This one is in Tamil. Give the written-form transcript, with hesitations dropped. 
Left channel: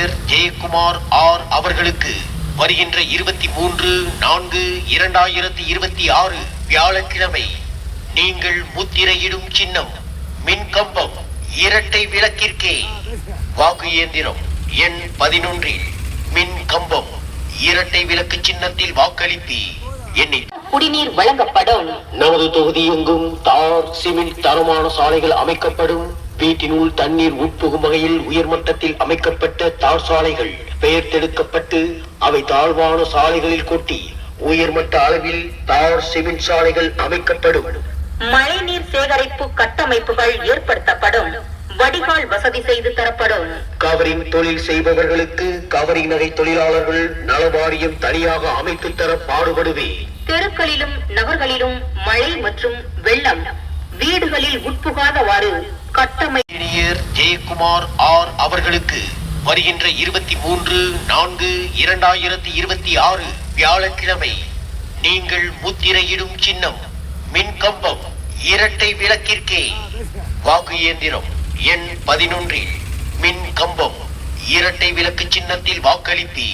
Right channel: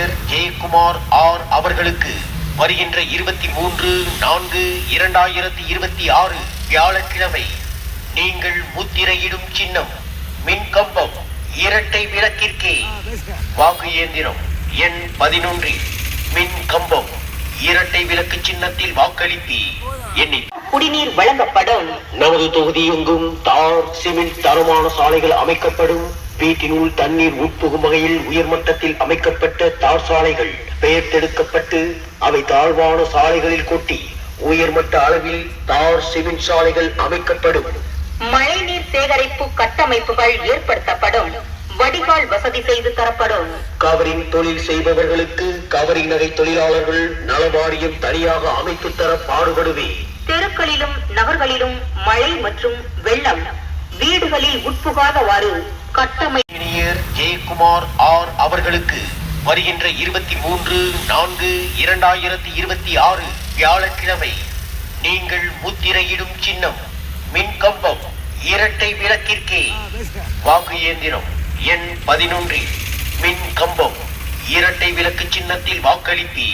இன்ஜினியர் ஜெயக்குமார் ஆர் அவர்களுக்கு வருகின்ற 23/4/2026 வியாழக்கிழமை நீங்கள் முத்திரையிடும் சின்னம் மின்கம்பம் இரட்டை விளக்கிற்கே. வாக்கு இயந்திரம் எண் 11 மின் கம்பம் இரட்டை விளக்கு சின்னத்தில் வாக்களிப்பி குடிநீர் வழங்கப்படும். நமது தொகுதி எங்கும் தார் சிமெண்ட் தரமான சாலைகள் அமைக்கப்படும். வீட்டினுள் தண்ணீர் உட்புகும் வகையில் உயர்மட்டத்தில் அமைக்கப்பட்ட தார் சாலைகள் பெயர்த்தெடுக்கப்பட்டு அவை தாழ்வான சாலைகளில் கொட்டி உயர்மட்ட அளவில் தார் சிமெண்ட் சாலைகள் அமைக்கப்படும். மழைநீர் சேகரிப்பு கட்டமைப்புகள் ஏற்படுத்தப்படும். வடிகால் வசதி செய்து தரப்படும். கவரிங் தொழில் செய்பவர்களுக்கு கவரிங் நகை தொழிலாளர்கள் நல வாரியம் தனியாக அமைத்து தர பாடுபடுவே. தெருக்களிலும் நகர்களிலும் மழை மற்றும் வெள்ளம் வீடுகளில் உட்புகாதவாறு கட்டமை. இன்ஜினியர் ஜெயக்குமார் ஆர் அவர்களுக்கு வருகின்ற 23/4/2026 வியாழக்கிழமை நீங்கள் முத்திரையிடும் சின்னம் மின்கம்பம் இரட்டை விளக்கிற்கே. வாக்கு இயந்திரம் எண் 11 மின் கம்பம் இரட்டை விளக்கு சின்னத்தில் வாக்களிப்பி.